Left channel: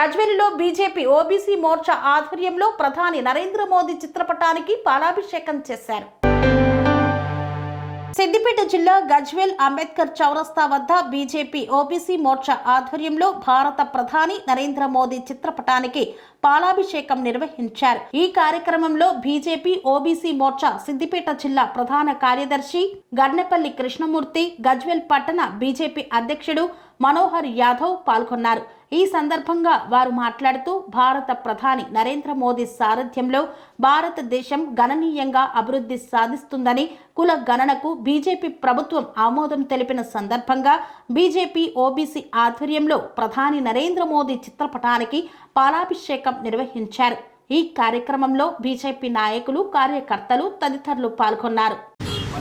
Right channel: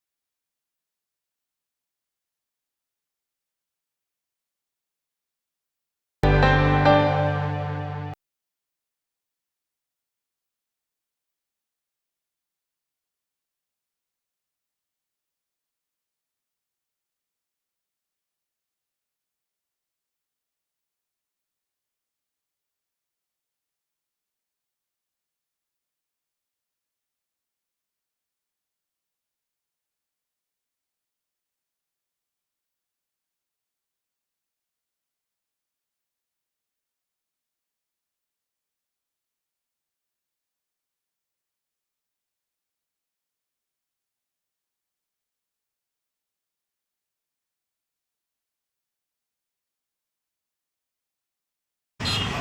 గజ్వేల్లో BJP OBC Morcha ఆధ్వర్యంలో ప్రధాని నరేంద్ర మోదీ చిత్రపటానికి పాలాభిషేకం చేశారు. సిద్దిపేట జిల్లా గజ్వేల్ అంబేద్కర్ చౌరస్తా వద్ద బీజేపీ ఓబీసీ మోర్చా ఆధ్వర్యంలో భారత ప్రధాని నరేంద్ర మోదీ చిత్రపటానికి పాలాభిషేకం నిర్వహించారు. ఈ కార్యక్రమంలో బీజేపీ ఓబీసీ మోర్చా సిద్దిపేట జిల్లా ప్రధాన కార్యదర్శి గన్నెపల్లి కృష్ణమూర్తి, గజ్వేల్ పట్టణ బీజేపీ అధ్యక్షుడు మనోహర్ యాదవ్ పాల్గొన్నారు. ఈ సందర్భంగా వారు మాట్లాడుతూ భారత ప్రధాని నరేంద్ర మోదీ సారథ్యంలో భారతదేశం గణనీయంగా అభివృద్ధి సాధిస్తుందని, కుల గణనకు బీజేపీ ప్రభుత్వం ఆమోదం తెలిపిన సందర్భంగా బీజేపీ ఓబీసీ ఆధ్వర్యంలో ప్రధాని నరేంద్ర మోదీ చిత్రపటానికి పాలాభిషేకం నిర్వహించారు. ఈ కార్యక్రమంలో బీజేపీ నాయకులు, కార్యకర్తలు తదితరులు పాల్గొన్నారు.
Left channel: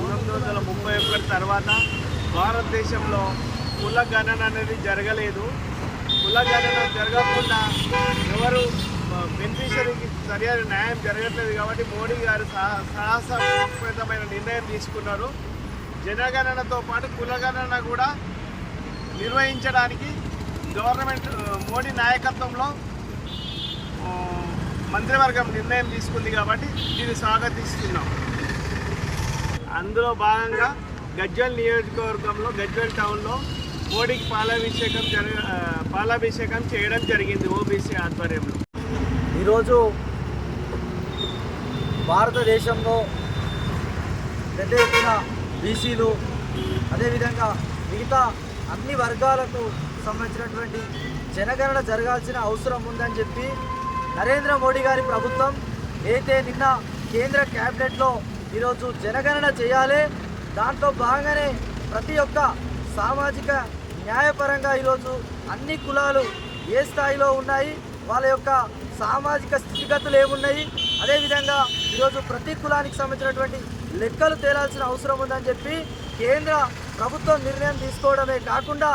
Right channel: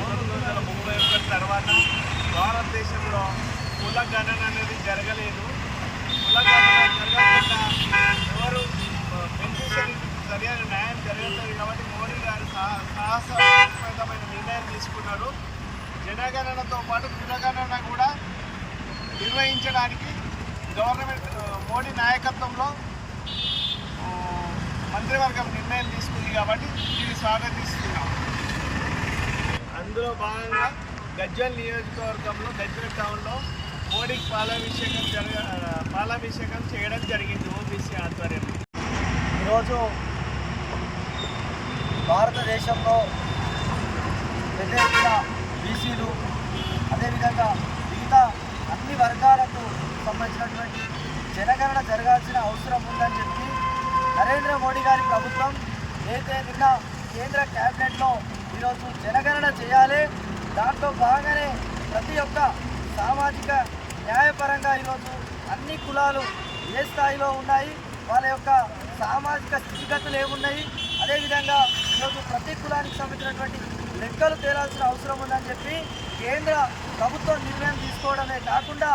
1931 తర్వాత భారతదేశంలో కుల గణన అనేది జరగలేదు. కుల గణన జరగకుండా ఎవరు బెనిఫిషరీకి సరైన న్యాయం జరగట్లేదు కాబట్టి మోడీ గారు సాహసోపేతమైన నిర్ణయం తీసుకున్నారు. జనగణనతో పాటు కులగణన కూడా నిర్వహించడానికి గవర్నమెంట్ మోడీ నాయకత్వంలో మంత్రివర్గం నిర్ణయం తీసుకుంది కాబట్టి దీన్ని స్వాగతిస్తున్నాం. అందులో భాగంగా గజ్వేల్ నియోజకవర్గంలో గజ్వేల్ టౌన్లో మోడీకి పాలాభిషేకం చేయడం జరిగింది ఓబీసీ ఆధ్వర్యంలో. ఈరోజు భారతదేశంలో పెద్ద ఎత్తున బీసీలు, అదేవిధంగా మిగతా అన్ని వర్గాలకు సంబంధించినటువంటి జనగణన జరగాల్సిన అవసరం ఉందని చెప్పి నరేంద్ర మోడీ గారి ప్రభుత్వం అయితే నిన్న కేంద్ర క్యాబినెట్లో ఈరోజు జనగణన చేయాలి, దాంట్లో భాగంగానే ప్రతి ఒక్క సామాజిక న్యాయపరంగా ఈరోజు అన్ని కులాలు ఏ స్థాయిలో ఉన్నాయి, వాళ్ళ యొక్క సామాజిక స్థితిగతులు ఏమున్నాయి, అదేవిధంగా ఈరోజు ప్రతి కులానికి సంబంధించినటువంటి లెక్కలు తేలాల్సిన అవసరం ఉందని చెప్పి కేంద్ర ప్రభుత్వం నిర్ణయం తీసుకోవడమే కాకుండా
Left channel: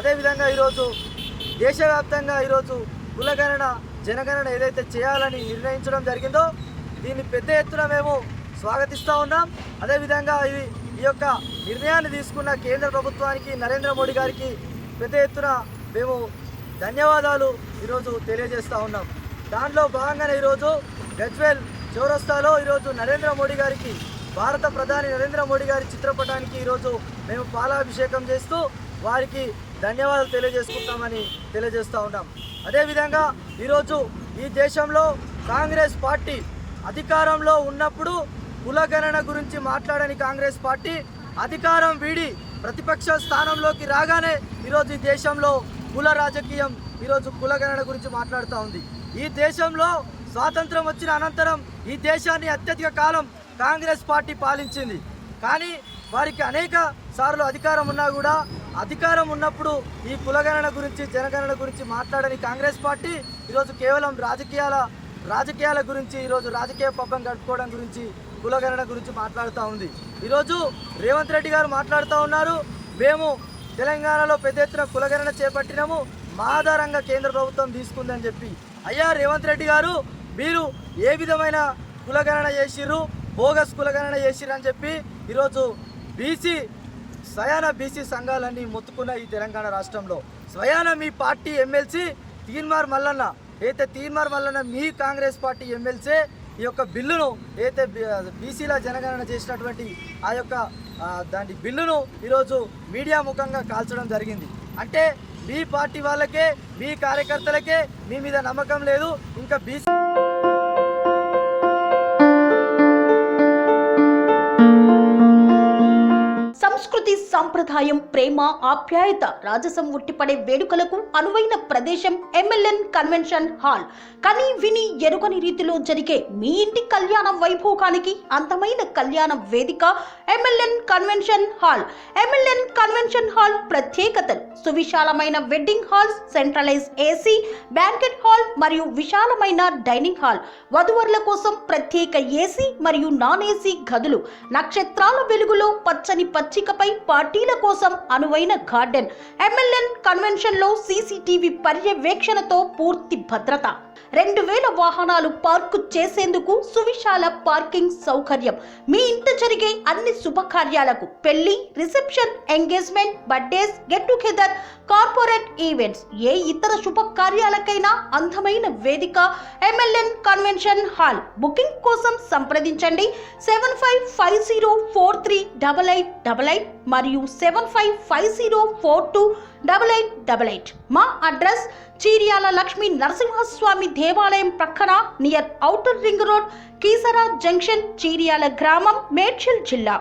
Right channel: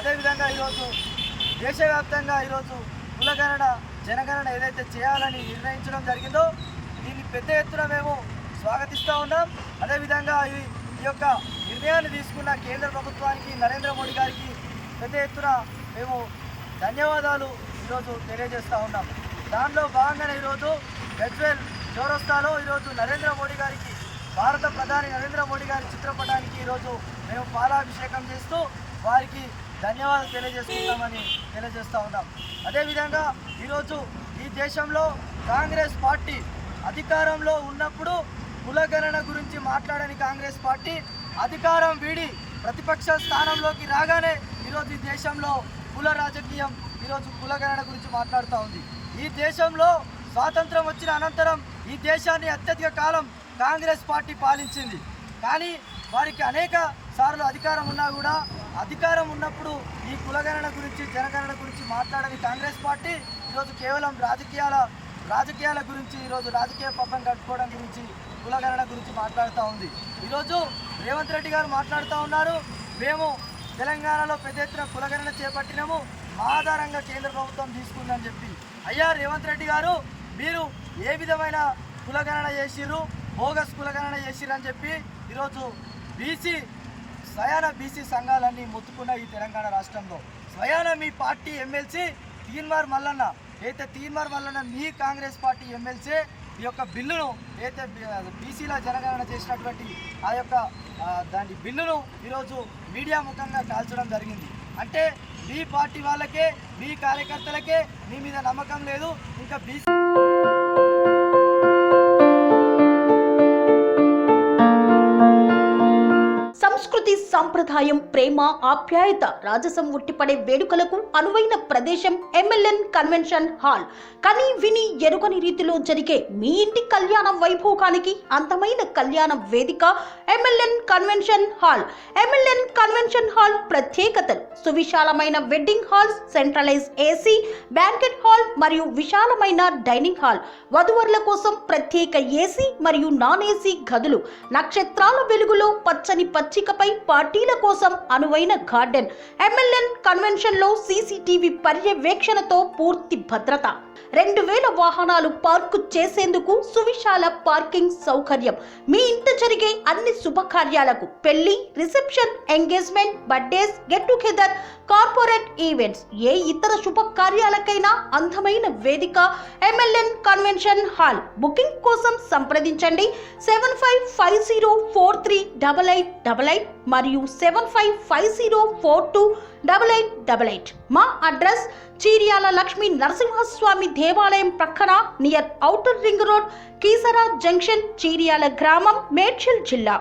అదేవిధంగా ఈరోజు దేశవ్యాప్తంగా ఈరోజు కులగణన జనగణన ఏదైతే చేయాలని నిర్ణయించడం జరిగిందో దీన్ని పెద్ద ఎత్తున మేము స్వాగతిస్తూ ఉన్నాం. అదేవిధంగా ఈ యొక్క నిర్ణయాన్ని తీసుకున్న కేంద్ర ప్రభుత్వానికి, నరేంద్ర మోడీ గారికి పెద్ద ఎత్తున మేము ధన్యవాదాలు ఈరోజు తెలియజేస్తూ ఉన్నాం. దాంట్లో భాగంగానే ఈరోజు గజ్వేల్ చౌరస్తాలో ఈరోజు నరేంద్ర మోడీ గారికి, భారత ప్రధాని నరేంద్ర మోడీ గారి చిత్రపటానికి ఈరోజు మేము పాలాభిషేకం చేస్తూ వారికి ధన్యవాదాలు తెలియజేసుకుంటామని తెలియజేస్తూ ఉన్నాం. అదేవిధంగా ఈరోజు ఈ దేశంలో కాంగ్రెస్ పార్టీ అధికారంలో ఉన్నప్పుడు కులగణన గురించి మాట్లాడని కాంగ్రెస్ పార్టీ అధికారం వీడి ప్రతిపక్ష స్థానంలోకి రాగానే ఈరోజు ఈ దేశంలో కుల రాజకీయం, ఈరోజు కులగణన గురించి మాట్లాడుతూ ఉంది. ఈ దేశంలో స్వాతంత్రం వచ్చిన అనంతరం ఈ దేశాన్ని అత్యధిక కాలం కాంగ్రెస్ పార్టీ పాలించింది. కానీ వారికి అనేక సార్లు అధికారం ఉన్నా కూడా అధికారం ఉన్నప్పుడు ఈ కులగణన గురించి జనగణన గురించి మాట్లాడని కాంగ్రెస్ పార్టీ ఈరోజు కేవలం రాజకీయాల గురించి, ఈరోజు రాజకీయ పబ్బం గడుపుకోవడం గురించి, కులగణన గురించి మాట్లాడుతూ ఉంది. ఈరోజు రేవంత్ రెడ్డి గారు మాట్లాడుతూ ఉన్నారు, మేము తెలంగాణలో పెద్ద ఎత్తున కులగణన చేపట్టినాము, మా ఆధారంగా కేంద్ర ప్రభుత్వం తీసుకుందని చెప్పి. అయ్యా రేవంత్ రెడ్డి గారు, మీరు ఏ విధమైన కులగణన చేసిర్రు, బోగస్ కులగణన చేసిర్రు అని చెప్పి ఈరోజు స్వయాన బీసీ సంఘాలన్నీ మొత్తుకున్న ఈ తెలంగాణ రాష్ట్రంలో స్వయాన మీ పార్టీ ఎమ్మెల్సీ తీన్మార్ మల్లన్న మీ కాంగ్రెస్ పార్టీ ఎమ్మెల్సీ ఈ యొక్క బిల్లును అయితే బీసీల జనగణన చేసినటువంటి ఆ యొక్క దాని బిల్లును ఈరోజు మీడియా ముఖంగా కాల్చడం జరిగింది. అంటే మీ పార్టీ వాళ్ళకే, మీ కార్యకర్తలకే మీ మీద నమ్మకం లేదు. ఇంకా బీసీ సంస్కృతి, సంప్రదాయం, ప్రేమ, ఆప్యాయత, రాజసం ఉట్టిపడే వేడుకలకు అనువైన ప్రదేశం ఎంఎల్ఎన్ కన్వెన్షన్ హాల్. కని విని ఎరుగని రీతిలో జరిగే మీ ఇంటి కళ్యాణ వైభోగానికి అందమైన కళ్యాణ వేదిక MLN convention hall. MLN convention hall ప్రత్యేకతలు: సువిశాలమైన wedding halls, centralise AC, banquet hall మరియు విశాలమైన డైనింగ్ హాల్, వధువరుల కోసం ప్రత్యేక ఏసీ మరియు నాన్ ఏసీ గదులు, నక్షత్రాల వెలుగులో పచ్చని పచ్చికపై పార్టీల కోసం అనువైన గార్డెన్. ఎంఎల్ఎన్ కన్వెన్షన్ లో సీసీటీవీ పర్యవేక్షణతో పూర్తి భద్రత. 2000 వాహనాలు పార్కు చేసేందుకు సువిశాల పార్కింగ్ సౌకర్యం. మీ ఇంట జరిగే అన్ని శుభకార్యాలకు, పెళ్లి, reception, engagement, birthdays, get together, corporate events, ఏ ఇతర శుభకార్యాలకైనా అందమైన వేదిక MLN కన్వెన్షన్ హాల్. బుకింగ్ కోసం సంప్రదించండి 7550438888 మరియు 7550428888. మా అడ్రస్ చీర్యాల లక్ష్మీ నరసింహస్వామి దేవాలయం ప్రక్కన, near outer ring road, Keesara junction, Cheeryal గ్రామం, మేడ్చల్ జిల్లా.